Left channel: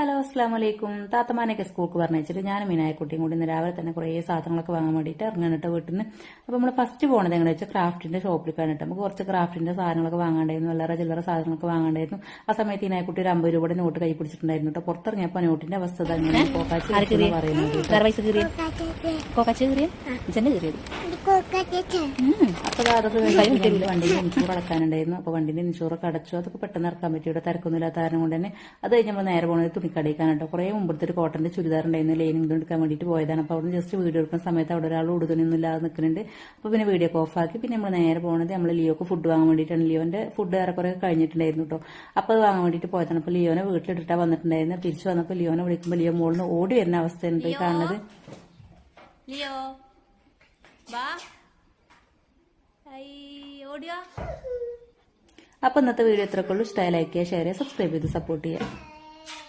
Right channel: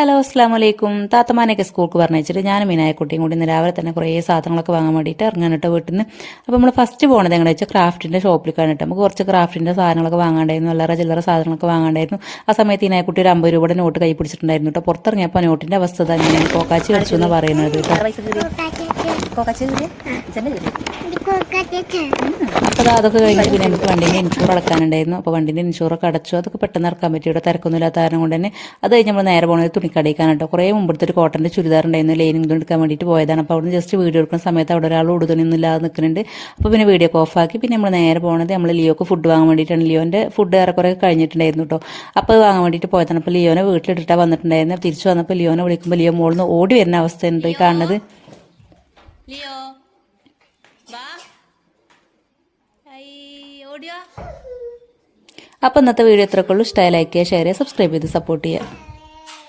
Hello അസ്സാം വലൈക്കും. താത്തമാനെയൊക്കെ സ്കൂൾക്ക് പറഞ്ഞിട്ട് ഞാനും മീനായക്കുട്ടിയും കൂടി ഇന്ന് രാവിലെ തന്നെ കുറേ സാധനങ്ങളൊക്കെ വാങ്ങാൻ വേണ്ടിയിട്ട് ഇറങ്ങാനിട്ട് വീട്ടിൽ നിന്ന്. അപ്പോൾ നമ്മൾ ഫസ്റ്റ് പോകുന്നത് എങ്ങനെ വെച്ചാൽ ക്രാഫ്റ്റിൻ്റെ ഷോപ്പിലേക്കാണ് കേട്ടോ. നമുക്ക് കുറച്ച് ക്രാഫ്റ്റിൻ്റെ സാധനങ്ങളൊക്കെ വാങ്ങാണ്ടായിരുന്നു, അല്ലറ ചില്ലറ സാധനങ്ങളൊക്കെ വാങ്ങാണ്ടായിരുന്നു. ആ സമയത്ത് മീനായക്കുട്ടി ഒരു 50 രൂപയുടെ നോട്ട് കൈ പിടിച്ചിട്ടുണ്ടായിരുന്നു കേട്ടോ. പുറത്തിറങ്ങിയപ്പോൾ നോട്ടിൻ്റെ അവസ്ഥ തന്നെയാണ് കോക്കാച്ചി വെച്ചു എന്ന് പറയുന്നത് കേട്ടോ. അപ്പോൾ അതൊക്കെ കഴിഞ്ഞ് പിന്നെ എനിക്ക് വണ്ടീൻ്റെ ഇൻഷൂർ അടക്കാനുണ്ടായിരുന്നു. അപ്പോൾ വണ്ടീൻ്റെ ഇൻഷൂറൊക്കെ അടച്ചു. അതൊക്കെ പെട്ടെന്ന് ഇറക്കാൻ പറ്റി, ഇവിടെ തിരക്കൊന്നുമില്ലാത്ത കാരണം കൊണ്ട് തന്നെ. അത് കഴിഞ്ഞ് നമ്മൾ നേരെ പോകുന്നത് തുണിക്കടയിക്കാണ് കേട്ടോ. കുറേ മുമ്പത്തെ ഒരു കോട്ടൻ്റെ ചുരിദാർ ഉണ്ടായിരുന്നു, ലൈനിങ് തുണി എടുക്കാൻ വേണ്ടിയിട്ട് പോയതാണ്. അപ്പോൾ അവിടെ ജസ്റ്റ് വീഡിയോ എടുക്കുന്ന സമയത്ത് അവിടെ ഒരാൾ ഉടുതുണിയൊന്നും ഇല്ലാതെ നിൽക്കുന്നുണ്ട്. അപ്പോൾ പിന്നെ വീഡിയോ ഒക്കെ ഓഫാക്കി പിന്നെ നമ്മൾ നേരെ പോകുന്നത് നമ്മൾ ലിയോക്ക് ഫുഡ് വാങ്ങാൻ വേണ്ടിയിട്ടാണ്. ലിയോൻ്റെ ഫുഡ് ഏറെക്കുറെ കഴിഞ്ഞിട്ടുണ്ടായിരുന്നു കേട്ടോ. അപ്പോൾ അത് വാങ്ങാൻ വേണ്ടിയിട്ട് പോയതാണ്. അപ്പോൾ ലിയോനെ വീട്ടിലിട്ടിട്ടാണ് വന്നിട്ടുണ്ടായിരുന്നു. തിരിച്ചു വന്നപ്പോൾ ലിയോനെ വിളിക്കുമ്പോൾ ലിയോ മോളിൽ നിന്ന് ഓടി വരുന്ന അവസ്ഥയുണ്ട് ഈ കാണുന്നത്. ലിയോ വാ ഓടിയോ. അപ്പോൾ ഇന്നത്തെ വീഡിയോ എത്രക്കുള്ളൂ. ഇഷ്ടമായി ലൈക്ക് ചെയ്യുക, ഷെയർ ചെയ്യുക, സബ്സ്ക്രൈബ് ചെയ്ത് സപ്പോർട്ട് ചെയ്യുക.